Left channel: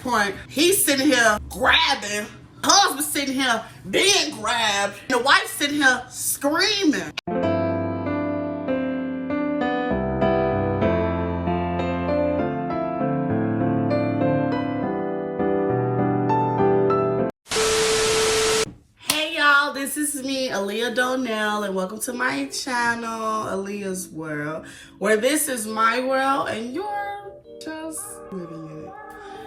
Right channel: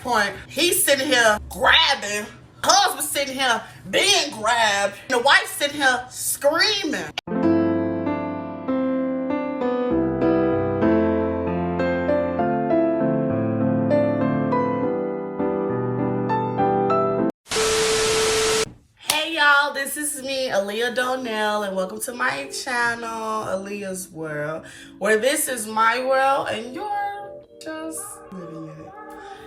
next point, he's sitting here grabbing. Husband sitting here being grabbed. The wife sitting here screaming. Hey y'all, this is me, Aaliyah Donelle, and welcome to my channel, Aaliyah's World, where this is my world and you're just living it.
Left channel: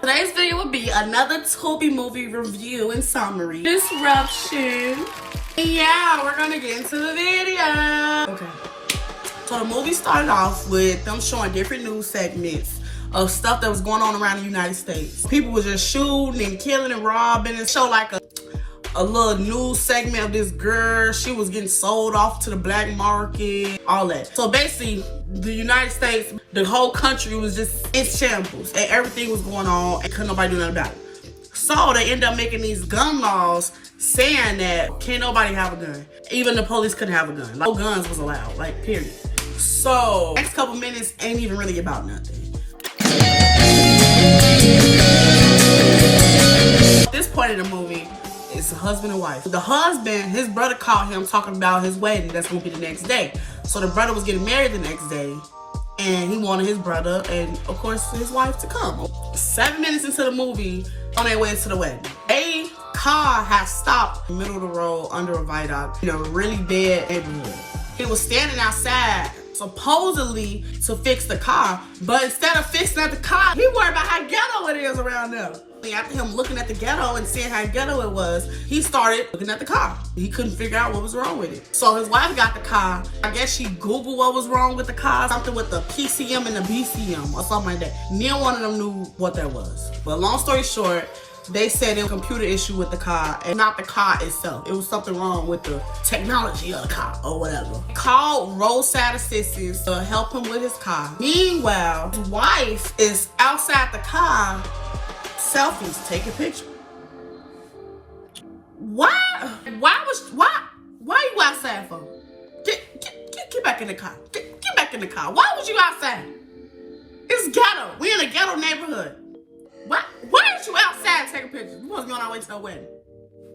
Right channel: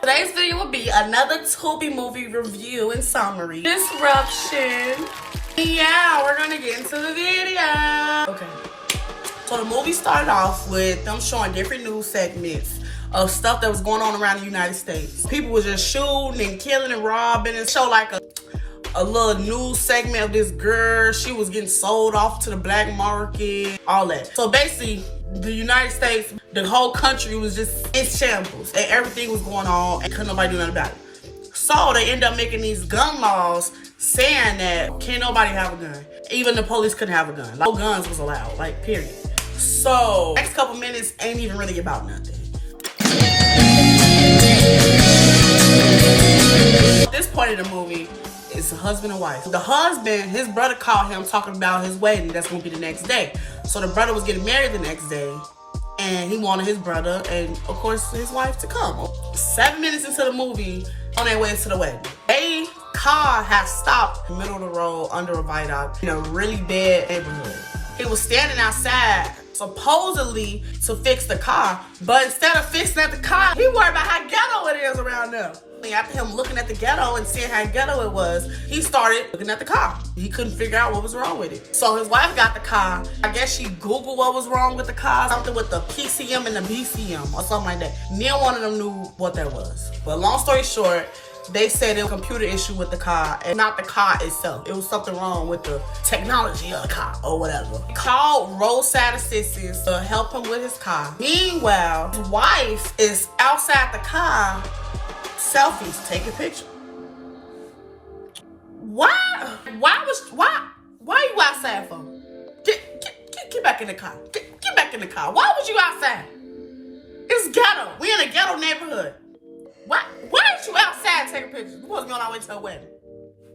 Today's video will be another Tubi movie review and summary. Disruption. And yeah, we're gonna get into the video. Okay. So the movie started off with them showing different news segments of stuff that was going on around the United States. People were just shooting and killing and robbing, and show like a little news segment of this girl. She was getting sold off to the black market, all that. So basically, the United States, the whole country was just in shambles, and everything was going on, and couldn't nobody do nothing about it. So they end up making these gun laws saying that can't nobody have a gun. Even the police couldn't have a gun. Like, no guns was allowed, like, period. So next couple minutes ain't even really about nothing. At this point in the movie, it's a husband and wife. The husband, his brother called him talking about his wedding that's gonna be the next day. So the brother was getting married the next day, and he wanted his brother and of course his wife to come. 7 minutes into the movie, on their way to the wedding, a car had stopped in the middle of the road under a viaduct in a really bad neighborhood. He was standing outside supposedly to fix the car, but instead of fixing at the car, he worried about how ghetto it is around there. After him looking at the ghetto and seeing how ghetto it was, he started looking at the car. He couldn't figure out what was wrong with it. So his wife got the car. I guess she Googled what was wrong with the car. Something with the PCM and the BCM or something like that. Neither one of them knew what that was. But long story short, they said it was a computer issue with the car and not the car itself. It was something wrong with the technology of the car or whatever. He called roadside assistance to help him with his car. Meanwhile, his wife is outside the car, selfies, taking pictures. Why you outside for? Get back in the car. Get back in the car. Why was you outside? It's ghetto. We in a ghetto neighborhood. Why aren't you outside taking pictures? We supposed to be on our way to her wedding.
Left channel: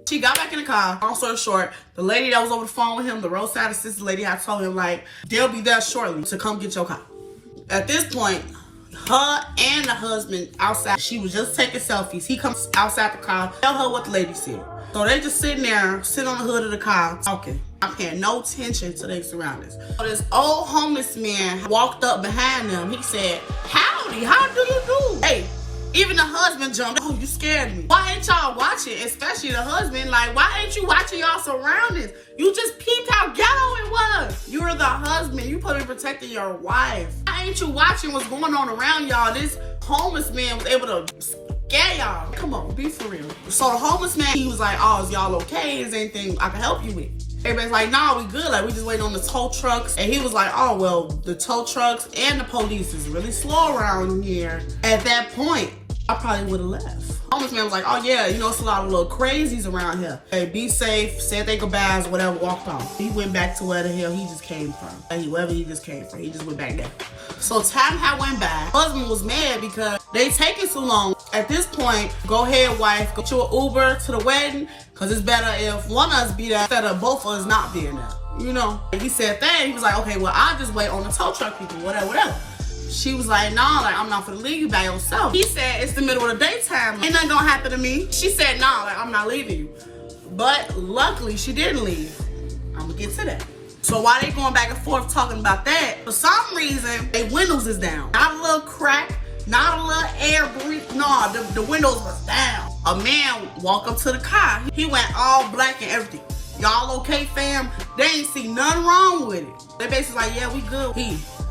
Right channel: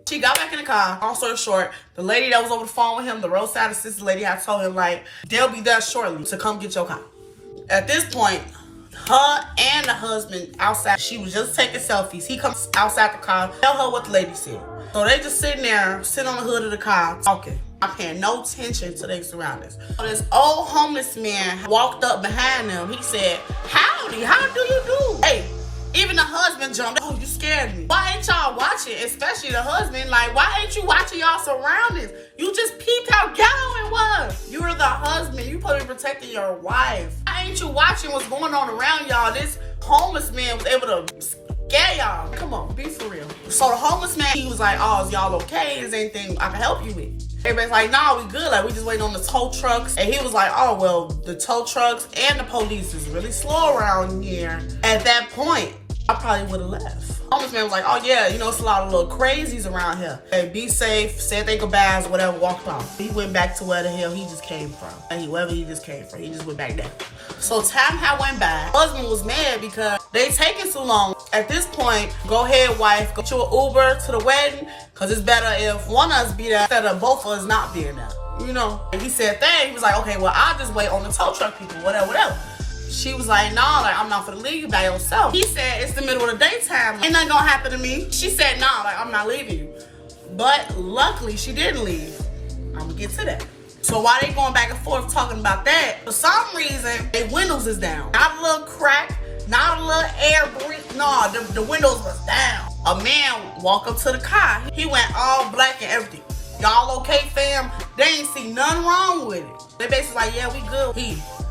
She got back in the car. Long story short, the lady that was over the phone with him, the roadside assistant lady, I told him, like, they'll be there shortly to come get your car. At this point, her and the husband outside, she was just taking selfies. He comes outside the car, tell her what the lady said. So they just sitting there, sitting on the hood of the car, talking. I'm paying no attention to their surroundings. So this old homeless man walked up behind them. He said, "Howdy, how do you do?" Hey, even the husband jumped. "Oh, you scared me." Why ain't y'all watching? Especially the husband. Like, why ain't you watching y'all surroundings? You just peeped how ghetto it was. You're the husband. You supposed to be protecting your wife. Why ain't you watching what's going on around y'all? This homeless man was able to scare y'all. Come on, be for real. So the homeless man, he was like, "Oh, is y'all okay? Is there anything I can help you with?" Everybody's like, "Nah, we good. Like, we just waiting on the tow trucks." And he was like, "Oh, well, the tow trucks and the police is really slow around here." At that point, I probably would have left. Homeless man was like, "Oh yeah, you know, it's a lot of little crazies around here. Hey, be safe, said they goodbyes, whatever, walked off." He went back to where the hell he just came from. Wherever he just came from, he just went back there. So time had went by. Husband was mad because they taking so long. At this point, go ahead, wife, go to an Uber to the wedding, because it's better if one of us be there instead of both of us not being there. You know, and he said that, he was like, "Okay, well, I'll just wait on the tow truck people, whatever." She was like, "Nah, like, I'm not gonna leave you by yourself." He said, "It's the middle of the daytime. Ain't nothing gonna happen to me." She said, "Nah, like, I'm not leaving you." But luckily, she didn't leave. I'm gonna get to that. So while they going back and forth talking about that, for some reason, their windows is down. Not a little crack, not a little air breeze. No, the windows was down. A man walked up to the car. He went all black and everything. "Y'all okay, fam?" They ain't see nothing wrong with it. They basically like, "Yeah, we good."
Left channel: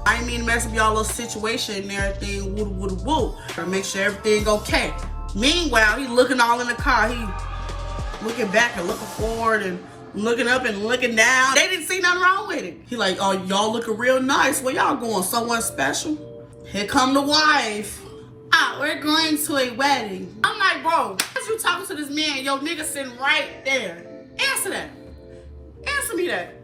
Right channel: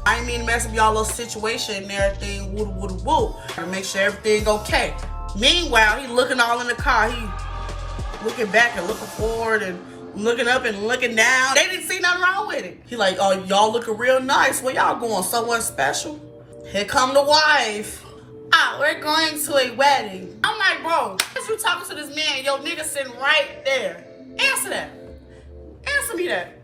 I didn't mean to mess up y'all little situation and everything, woo. Or make sure everything okay. Meanwhile, he looking all in the car. He looking back and looking forward and looking up and looking down. They didn't see nothing wrong with it. He like, "Oh, y'all looking real nice. Where y'all going? Somewhere special?" Here come the wife. "Ah, we're going to a wedding." I'm like, "Bro, as you talking to this man, your nigga sitting right there. Answer that. Answer me that."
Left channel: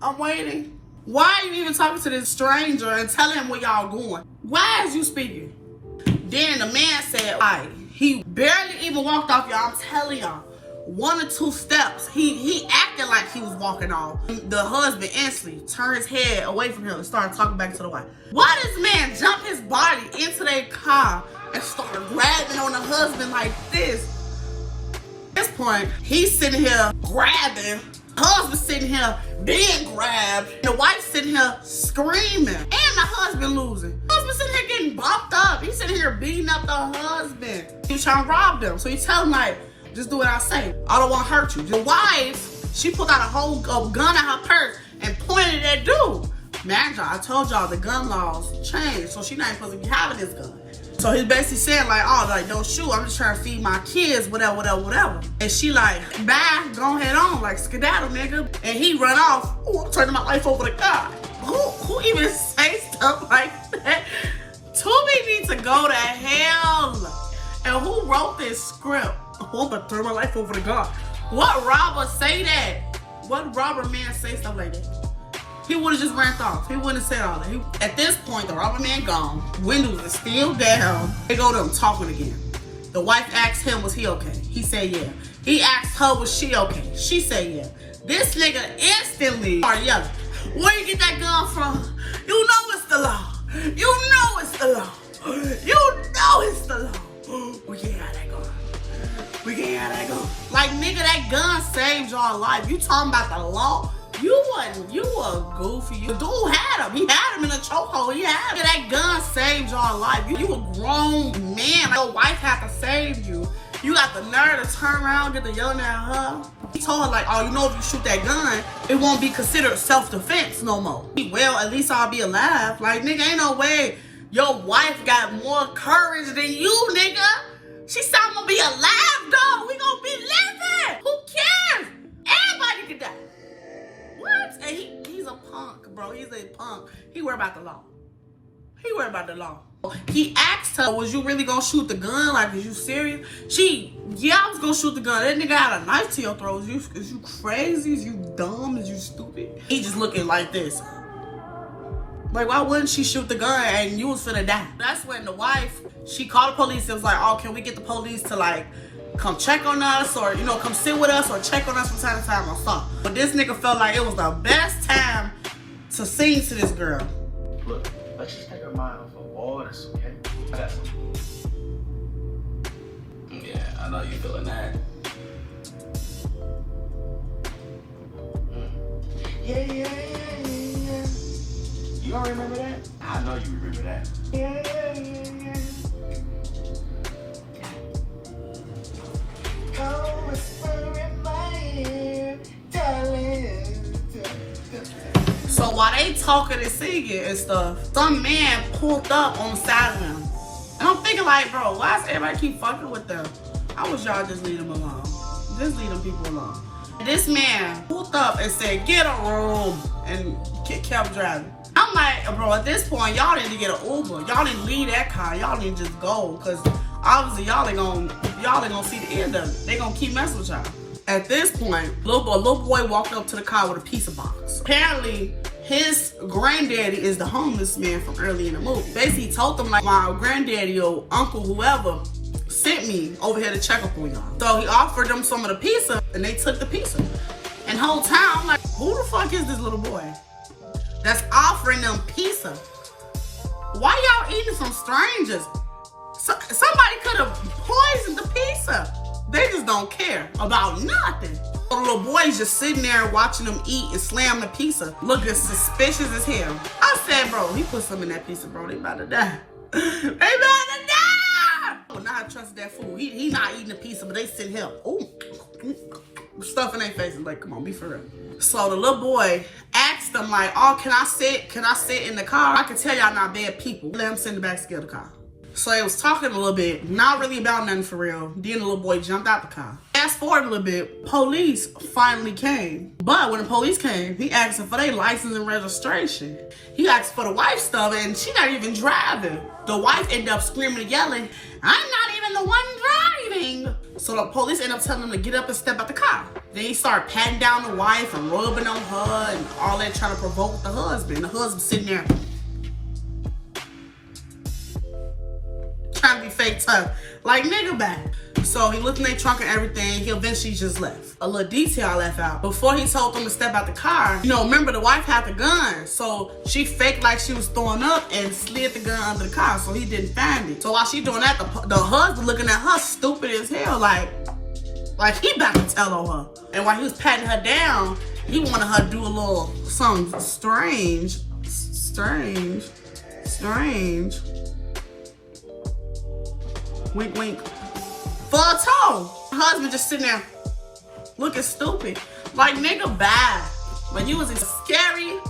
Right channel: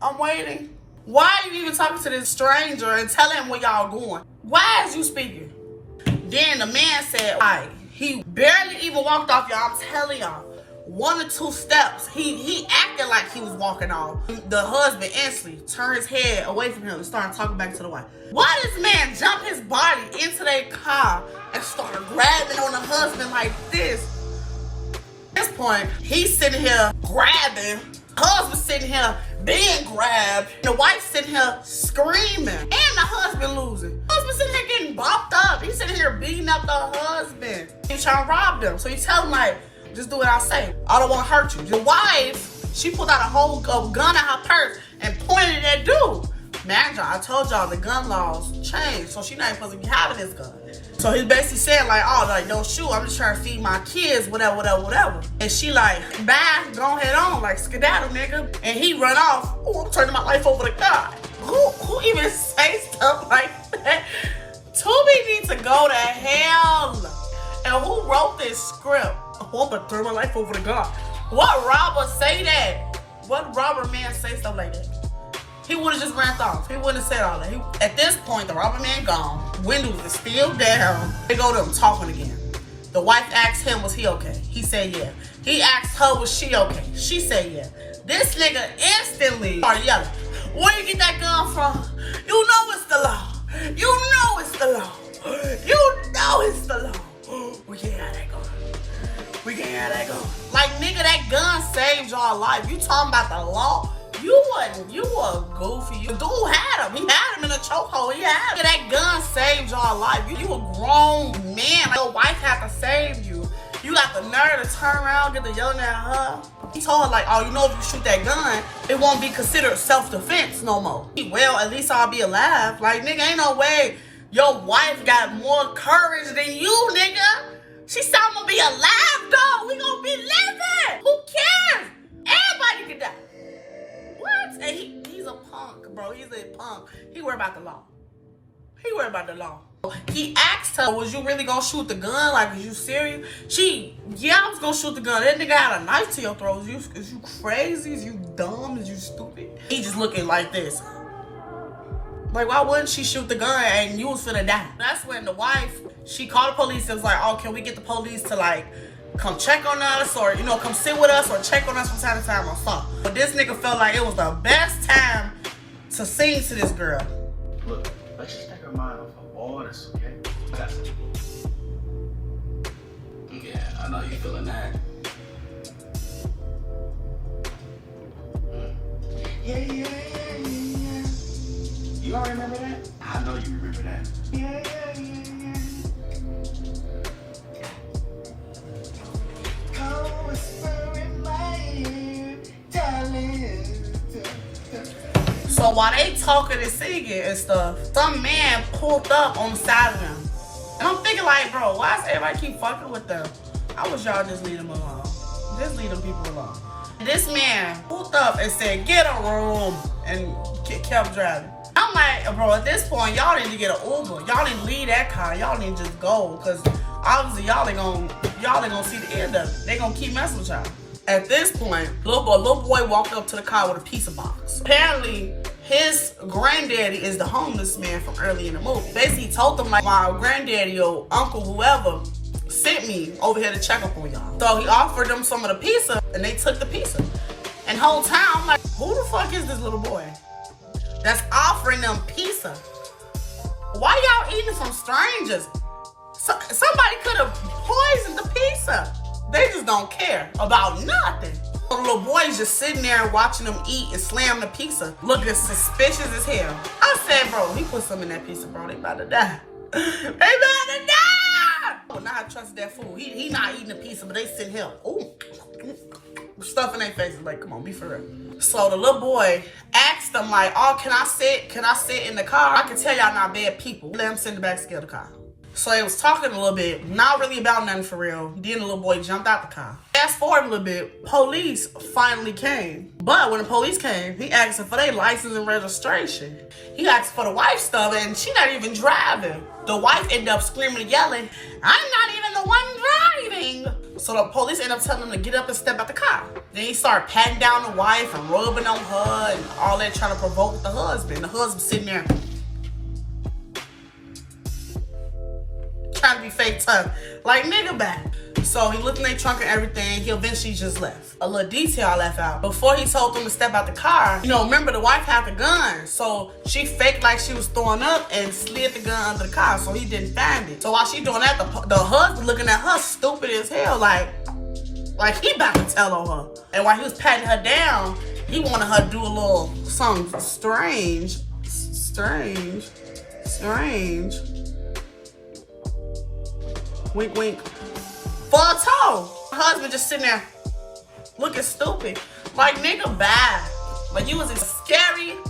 "I'm waiting." Why are you even talking to this stranger and telling him where y'all going? Why is you speaking? Then the man said, all right, he barely even walked off, y'all. I'm telling y'all, 1 or 2 steps. He acted like he was walking off. The husband instantly turned his head away from him and started talking back to the wife. Why does man jump his body into their car and start grabbing on the husband like this? At this point, he's sitting here grabbing. Husband sitting here being grabbed. The wife sitting here screaming. And the husband losing. Husband sitting here getting bumped up. He's sitting here beating up the husband. He's trying to rob them. So he tell him like, just do what I say. I don't want to hurt you. The wife, she pulled out a whole gun out her purse and pointed at dude. Man, I told y'all the gun laws changed. So she's not supposed to be having this gun. So he's basically saying like, oh, like, don't shoot. I'm just trying to feed my kids, whatever, whatever, whatever. And she like, bye, go ahead on, like, skedaddle, nigga. And he run off. Oh, I'm turning my life over to God. Who even say stuff like that? Tubi needs to go to hell. And who wrote this script? Oh, I'm gonna turn my life over to God. What robber say that? What robber man say stuff like that? He would have just ran off. He wouldn't have said all that. At this point, the robber man gone. Windows are still down. They go to him talking again. The wife asked him, was he okay? He said, yeah. He asked her, was she okay? She said, yeah. This nigga instantly started yelling, where you get that gun from? You know it's the law. You know it's the law. You know it's the law. We can't have that gun. We can't have that gun. Like, nigga, that gun saved your life. You talking about the law? You were goofy. The dude had him. He had him in a chokehold. He had him. That gun saved your life. You a grown man. Your wife had to save you. You got the nerve to turn around, get the yelling at her. He told her like, oh, you know if you shoot that gun, it won't be considered self-defense no more. Well, at least I'll be alive. Like, nigga, ain't no way your wife got more courage than you, nigga. She said, I'm gonna be alive, dog. We gonna be living. Who cares? Everybody can die. What? And he's a punk, bro. He's a punk. He worried about the law. He worried about the law. He asked her, was you really gonna shoot the gun? Like, is you serious? Yeah, I was gonna shoot the gun. That nigga had a knife to your throat. Is you crazy? Is you dumb? Is you stupid? He just looking like this. Like, why wouldn't she shoot the gun and you was finna die? That's when the wife, she called the police and was like, oh, can we get the police to like, come check on us or, you know, come sit with us or check on us from time to time or something. But this nigga felt like it was the best time to sing to this girl. Look, let's just take our mind off of all this, okay? I got something. Yeah, I know you feeling that. Yeah. You all remember that? I know you remember that. Yeah. So while they talking and singing and stuff, some man pulled up on the side of them. And I'm thinking like, bro, why does everybody keep fucking with them? I wish y'all just leave them alone. Just leave them people alone. And this man pulled up and said, get a room, and kept driving. I'm like, bro, at this point, y'all need to get an Uber. Y'all need to leave that car. Y'all need to just go, because obviously y'all ain't gonna see the end of it. They gonna keep messing with y'all. At this point, little boy walked up to the car with a pizza box. Apparently, his granddaddy is the homeless man from early in the movie. Basically, he told them like, my granddaddy or uncle, whoever, sent me over here to check up on y'all. So he offered them some of the pizza, and they took the pizza. And the whole time, I'm like, who the fuck is this little boy that's offering them pizza? Why y'all eating from strangers? Somebody could have poisoned the pizza. They just don't care about nothing. The little boy's just sitting there watching them eat and slam the pizza, looking suspicious as hell. I said, bro, he put some in that pizza, bro. They about to die. They about to die! Oh, now I trust that food. He not eating the pizza, but they sitting here. Ooh. Stuff in their faces. Like, come on, be for real. So the little boy asked them, like, oh, can I sit in the car? I can tell y'all not bad people. Let him sit in the back seat of the car. So they was talking a little bit, not really about nothing for real. Then the little boy jumped out the car. Fast forward a little bit, police finally came. But when the police came, he asked them for their license and registration. He asked for the wife's stuff, and she not even driving. The wife ended up screaming and yelling, I'm not even the one driving. So the police ended up telling him to get up and step out the car. Then he started patting down the wife and rubbing on her and all that, trying to provoke the husband. The husband sitting there trying to be fake tough. Like, nigga back. So he looked in their trunk and everything. He eventually just left. A little detail I left out. Before he told them to step out the car, you know, remember the wife had the gun. So she faked like she was throwing up and slid the gun under the car so he didn't find it. So while she doing that, the husband looking at her stupid as hell, like he about to tell on her. And while he was patting her down, he wanted her to do a little something strange. Wink, wink. For a toe. Her husband just sitting there looking stupid. Like, nigga, bad. Like, you was scary.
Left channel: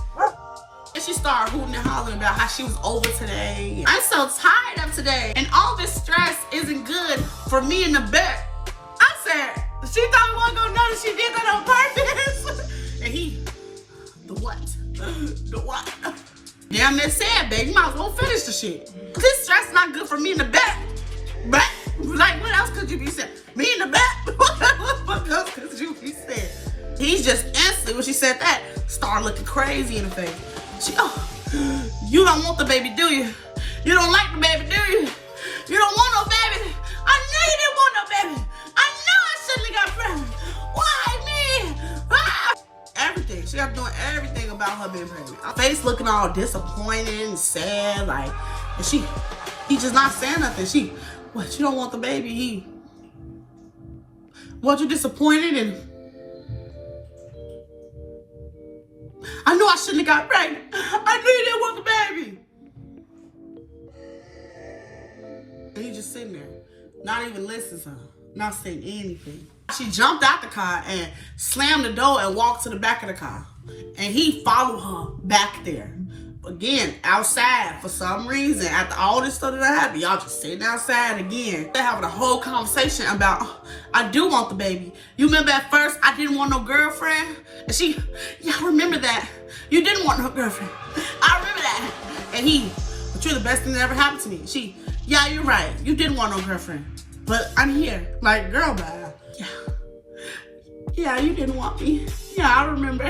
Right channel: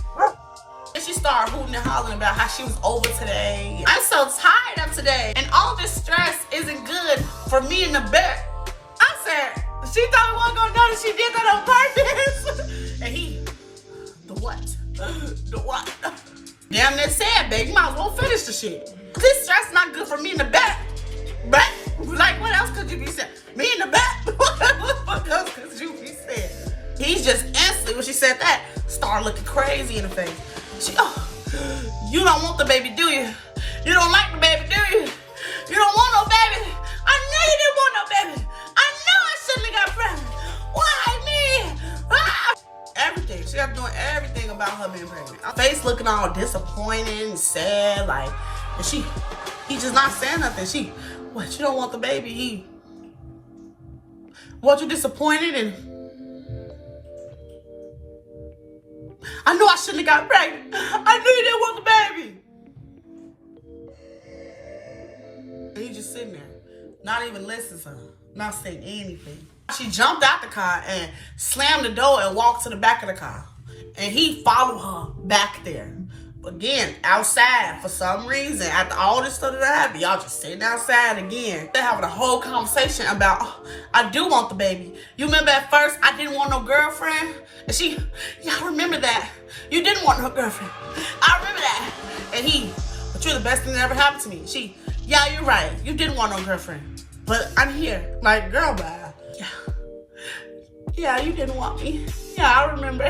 And she started hooting and hollering about how she was over today. I'm so tired of today. And all this stress isn't good for me in the bed. I said, she thought we wasn't gonna go and she did that on purpose. And he, the what? The what? Damn near sad, babe. You might as well finish the shit. This stress not good for me in the back. Back? Like, what else could you be saying? Me in the back? What else could you be saying? He's just instantly, when she said that, started looking crazy in the face. She, oh, you don't want the baby, do you? You don't like the baby, do you? You don't want no baby. I knew you didn't want no baby. I knew I shouldn't have got pregnant. Why me? Ah! Everything. She got doing everything about her being pregnant. Her face looking all disappointed and sad, like, and he just not saying nothing. What, you don't want the baby? What, you disappointed? And I know I shouldn't have got pregnant. I knew you didn't want the baby. And he just sitting there, not even listening to her, not saying anything. She jumped out the car and slammed the door and walked to the back of the car. And he followed her back there. Again, outside for some reason. After all this stuff that happened, y'all just sitting outside again. They're having a whole conversation about, oh, I do want the baby. You remember at first I didn't want no girlfriend? And y'all remember that? You didn't want no girlfriend. I remember that. And but you're the best thing that ever happened to me. Yeah, you're right. You didn't want no girlfriend. But I'm here. Like, girl, bye. Yeah, you didn't want me. Yeah, I remember.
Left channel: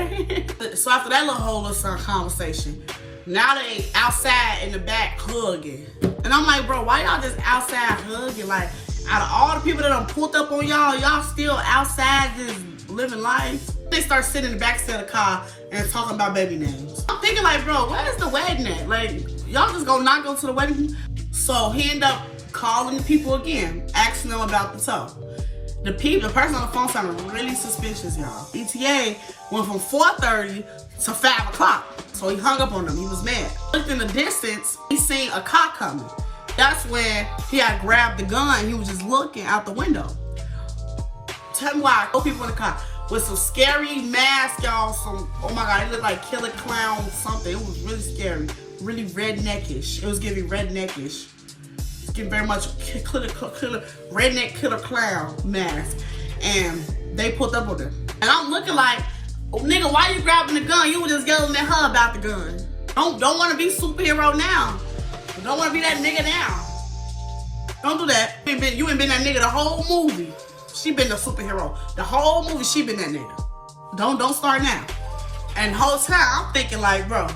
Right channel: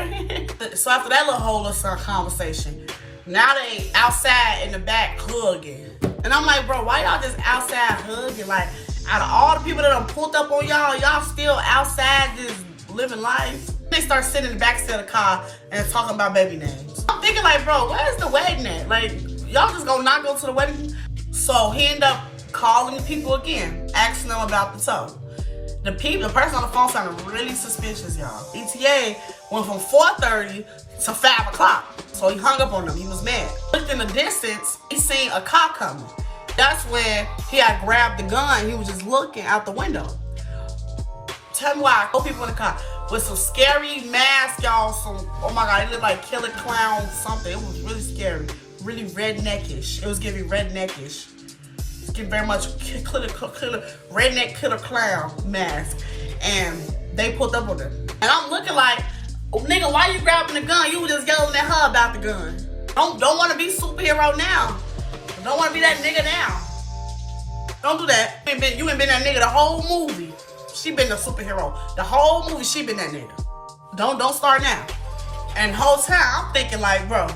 So after that little whole conversation, now they outside in the back hugging. And I'm like, bro, why y'all just outside hugging? Like, out of all the people that done pulled up on y'all still outside just living life? They start sitting in the back seat of the car and talking about baby names. I'm thinking like, bro, where's the wedding at? Like, y'all just gonna not go to the wedding? So he ended up calling the people again, asking them about the toe. The person on the phone sounded really suspicious, y'all. ETA went from 4:30 to 5 o'clock. So he hung up on them. He was mad. Looked in the distance, he seen a car coming. That's when he had grabbed the gun. He was just looking out the window. Tell me why. Couple people in the car with some scary masks, y'all. Oh my God, it looked like Killer Clown something. It was really scary. Really redneckish. It was giving redneckish. Very much redneck killer clown mask, and they pulled up on her. And I'm looking like, oh, nigga, why you grabbing the gun? You were just yelling at her about the gun. Don't want to be superhero now. Don't want to be that nigga now. Don't do that. You ain't been that nigga the whole movie. She been the superhero. The whole movie, she been that nigga. Don't start now. And the whole time, I'm thinking like, bro,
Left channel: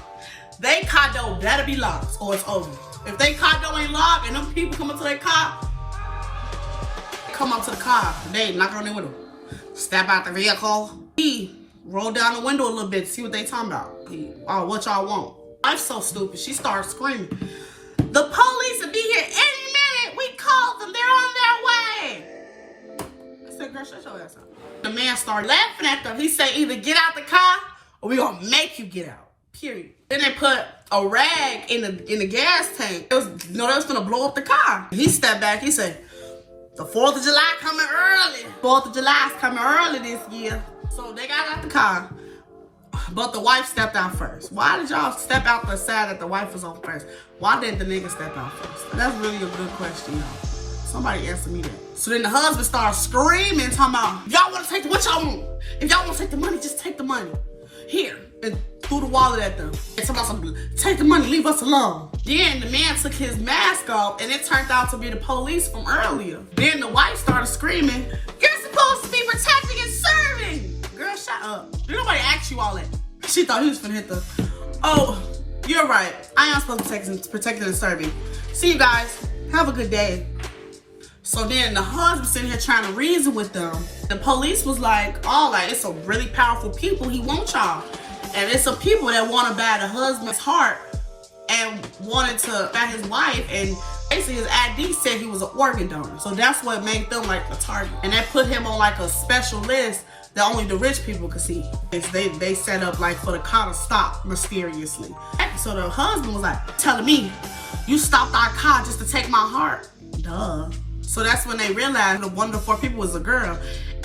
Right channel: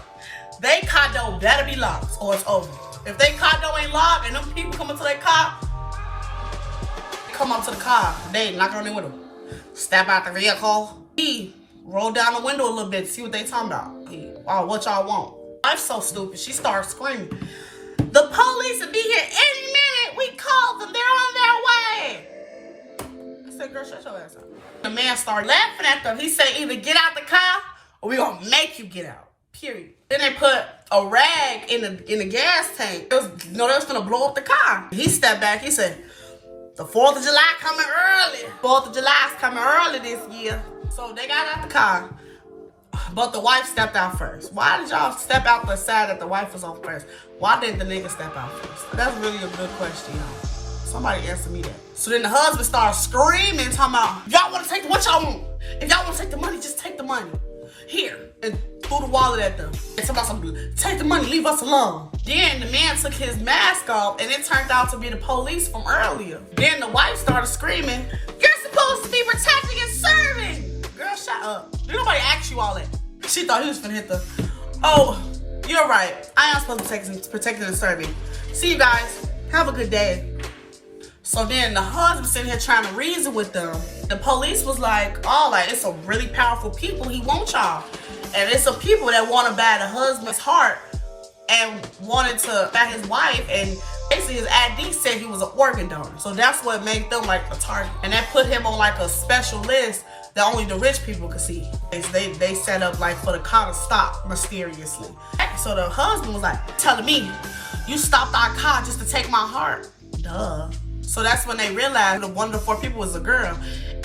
they condo gotta be locked or it's over. If they condo ain't locked and them people come up to their car, come up to the car, they knock on their window, step out the vehicle. He rolled down the window a little bit to see what they talking about. Oh, what y'all want? I'm so stupid. She started screaming, the police will be here any minute. We called them. They're on their way. I said, girl, shut your ass up. The man started laughing at them. He said, either get out the car or we gonna make you get out. Period. Then they put a rag in the gas tank. They was gonna blow up the car. He stepped back. He said, the 4th of July coming early. 4th of July is coming early this year. So they got out the car, but the wife stepped out first. Why did y'all step out the side that the wife was on first? Why didn't the nigga step out first? That's really a good question, y'all. Somebody answer me that. So then the husband started screaming, talking about, y'all want to take what y'all want. If y'all want to take the money, just take the money. Here. And threw the wallet at them. And somebody said, take the money, leave us alone. Then the man took his mask off and it turned out to be the police from earlier. Then the wife started screaming, you're supposed to be protecting and serving. Girl, shut up. Did nobody ask you all that? She thought he was gonna hit the, oh, you're right. I am supposed to be protecting and serving. See you guys. Have a good day. So then the husband sitting here trying to reason with them. The police was like, oh, like, it's some really powerful people. He wants y'all. And it's some people that want to buy the husband's heart and wanted to buy his wife. And basically his ID said he was an organ donor. So that's what made them like the target. And that put him on like a special list that only the rich people could see. They set up like for the car to stop mysteriously. So the husband was like telling me, you stopped our car just to take my heart. Duh. So that's when they realized one of the 4 people was a girl.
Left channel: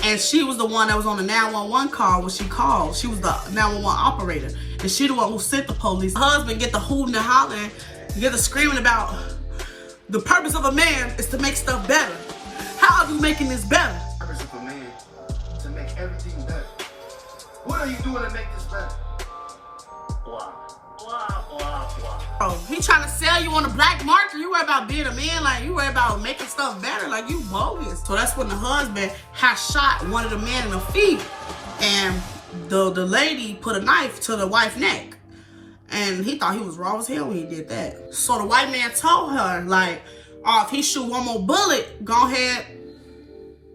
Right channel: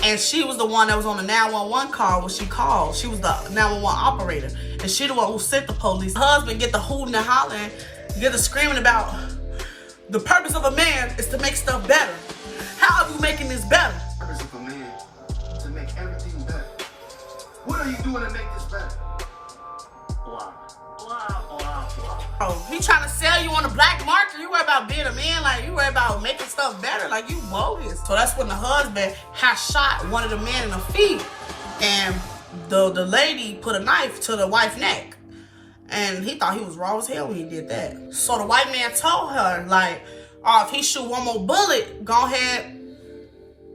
And she was the one that was on the 911 call when she called. She was the 911 operator. And she the one who sent the police. The husband get the hooting and hollering, get the screaming about the purpose of a man is to make stuff better. How are you making this better? The purpose of a man to make everything better. What are you doing to make this better? Blah, blah, blah, blah. Oh, he trying to sell you on the black market. You worry about being a man, like you worry about making stuff better, like you bogus. So that's when the husband had shot one of the men in the feet, and the lady put a knife to the wife's neck, and he thought he was raw as hell when he did that. So the white man told her, like, oh, if he shoot one more bullet, go ahead,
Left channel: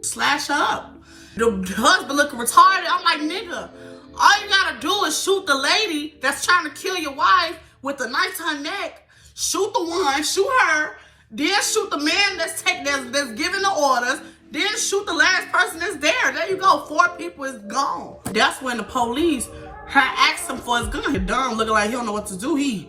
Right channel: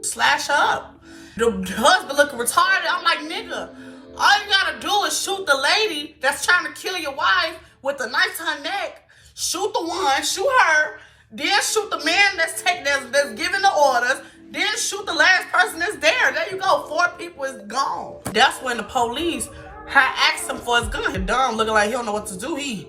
slash her up. The husband looking retarded. I'm like, nigga, all you gotta do is shoot the lady that's trying to kill your wife with a knife to her neck. Shoot the one, shoot her, then shoot the man that's giving the orders, then shoot the last person that's there. There you go. 4 people is gone. That's when the police had asked him for his gun. Dumb, looking like he don't know what to do.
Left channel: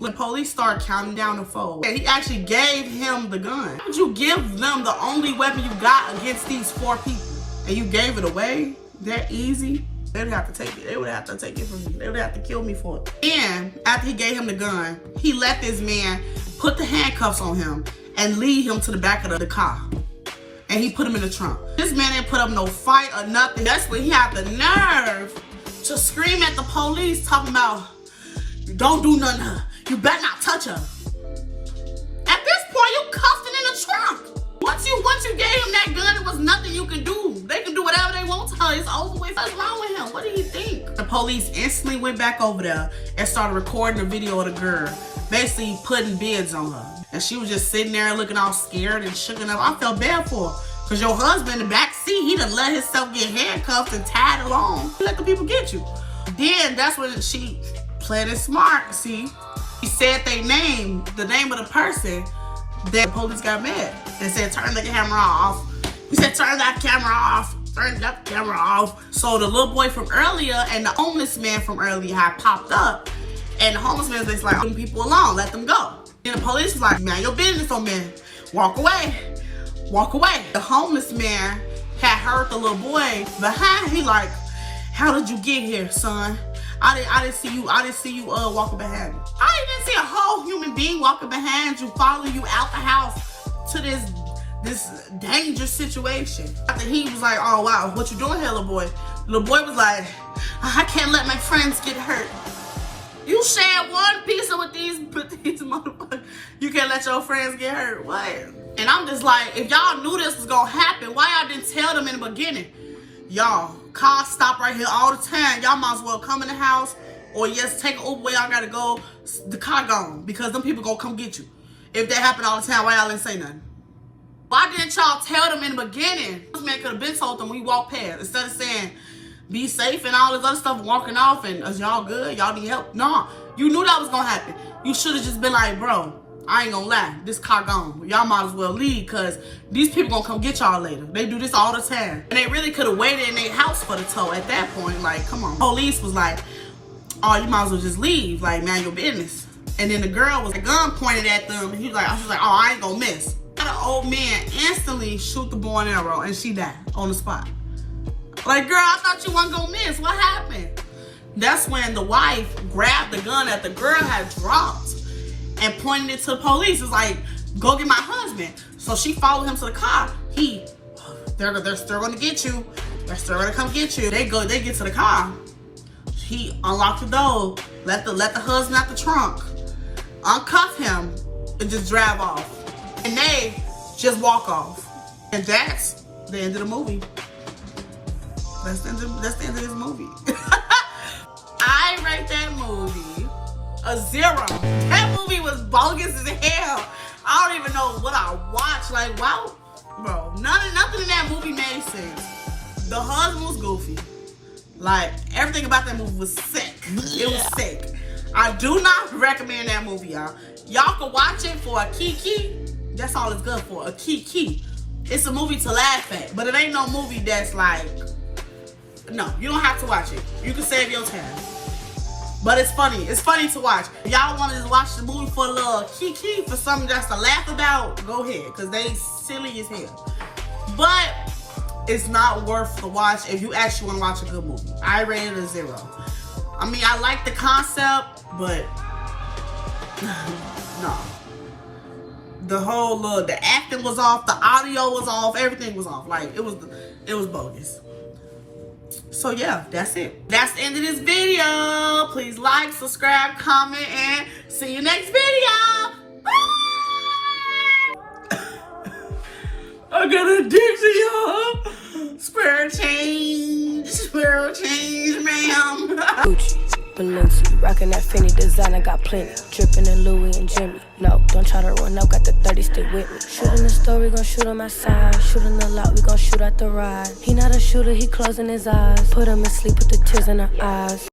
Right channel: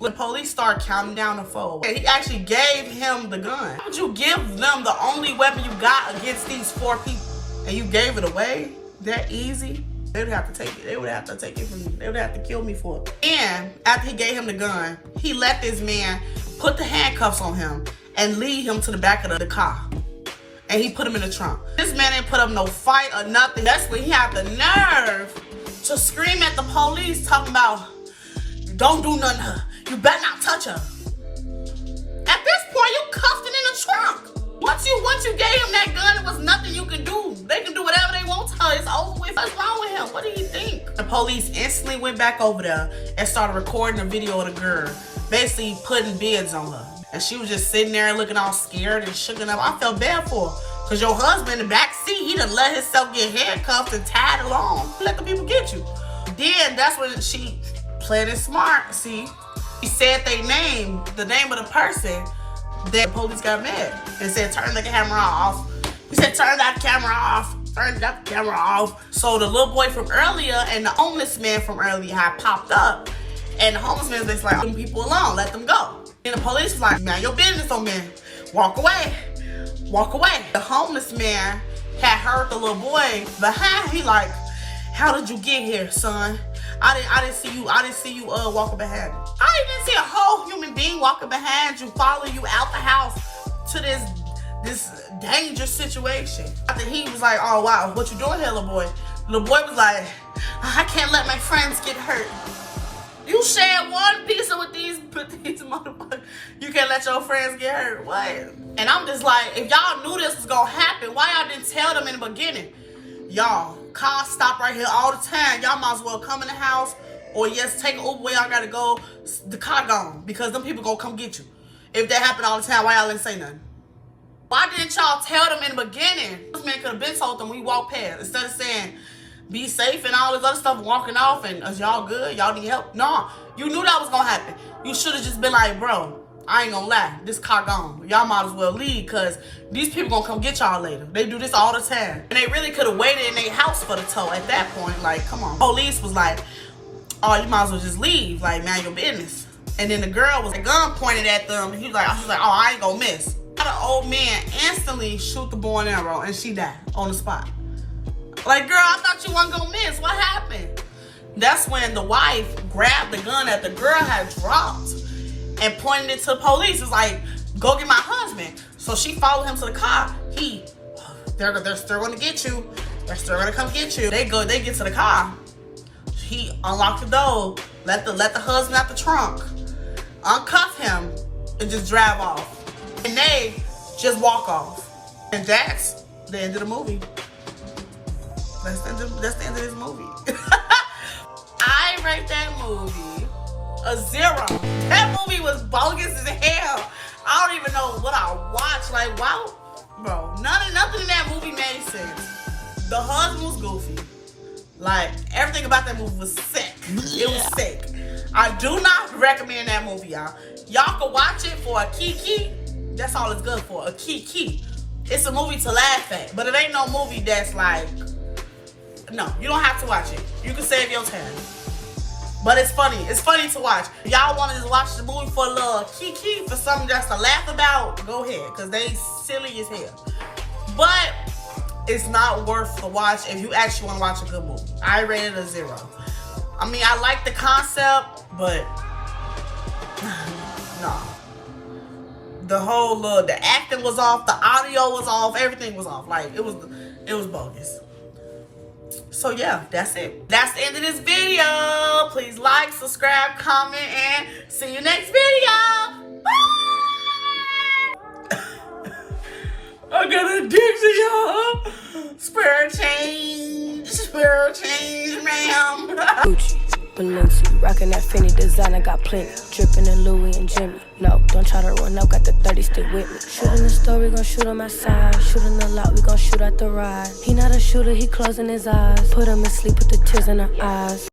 The police start counting down the 4. And he actually gave him the gun. How would you give them the only weapon you got against these 4 people? And you gave it away that easy? They would have to take it. They would have to take it from me. They would have to kill me for it. And after he gave him the gun, he let this man put the handcuffs on him and lead him to the back of the car. And he put him in the trunk. This man ain't put up no fight or nothing. That's when he had the nerve to scream at the police talking about, don't do nothing to her. You better not touch her. At this point, you cuffed it in the trunk. Once you gave him that gun, there was nothing you could do. They can do whatever they want to her. It's over with. What's wrong with him? What did he think? The police instantly went back over there and started recording a video of the girl, basically putting bids on her. And she was just sitting there looking all scared and shooken up. I felt bad for her. Because your husband in the back seat, he done let himself get handcuffed and tied along. Let the people get you. Then that's when she played it smart, see? He said the name of the person. Then the police got mad and said, turn the camera off. He said, turn that camera off. Turn that camera off. So the little boy from earlier and the homeless man from earlier had popped up. And the homeless man was like, leave people alone, let them go. And the police was like, man, your business on me. Walk away. Walk away. The homeless man had heard the little boy behind. He like, how did you get here, son? I didn't see you walking behind me. I didn't see a whole human being walking behind you, following you out the house to this dangerous situation. After he was like, oh wow, what you doing here, little boy? The little boy was like, I can't let my friends get hurt. You shared one pizza with these motherfuckers. You can't let your friends get hurt. What? And I'm just like, if y'all knew this was gonna happen, why y'all didn't tell them in the beginning? Y'all, cars stop right here all the time. Y'all might as well come in the house or yes, take an Uber where y'all gotta go. The car gone because them people gonna come get you. If that happened all the time, why y'all didn't say nothing? Why didn't y'all tell them in the beginning? This man could have been told them we walk past instead of saying, be safe and all this other stuff, walking off and is y'all good? Y'all need help? No, you knew that was gonna happen. You should have just been like, bro, I ain't gonna lie, this car gone. Y'all might as well leave because these people gonna come get y'all later. They do this all the time. And they really could have waited in their house for the tow at that point. Like, come on. Police was like, oh, you might as well just leave. Like, man, your business. And then the girl was, the gun pointed at them. She was like, oh, I ain't gonna miss. The old man instantly shoot the bow and arrow and she died on the spot. Like, girl, I thought you wasn't gonna miss. What happened? That's when the wife grabbed the gun that the girl had dropped and pointed it to the police. It's like, go get my husband. So she followed him to the car. They're still gonna get you. They're still gonna come get you. They get to the car. He unlocked the door, let the husband out the trunk, uncuff him, and just drive off. And they just walk off. And that's the end of the movie. That's the end of this movie. I rate that movie a 0. That movie was bogus as hell. I don't even know what I watched. Like, wow, bro, nothing in that movie made sense. The husband was goofy. Like, everything about that movie was sick. It was sick. I do not recommend that movie, y'all. Y'all can watch it for a kiki. That's all it's good for, a kiki. It's a movie to laugh at, but it ain't no movie that's like, no, you don't have to watch it. You can save your time. But it's funny. It's funny to watch. Y'all wanted to watch the movie for a little kiki, for something just to laugh about, go ahead, because they silly as hell. But it's not worth the watch if you actually want to watch a good movie. I rated it a 0. I mean, I like the concept, but no. The whole the acting was off, the audio was off, everything was off. Like, it was bogus. So yeah, that's it. That's the end of this video. Please like, subscribe, comment, and see you next video. Bye! I got a Dixie, y'all. Spare change, ma'am. Gucci, Balenci, rockin' that Fendi designer, got plenty. Drippin' in Louis and Jimmy. No, don't try to run up, got the 30 stick with me. Shootin' the store, we gon' shoot him outside. Shootin' the lot, we gon' shoot out the ride. He not a shooter, he closing his eyes. Put him in sleep with the tears in her eyes.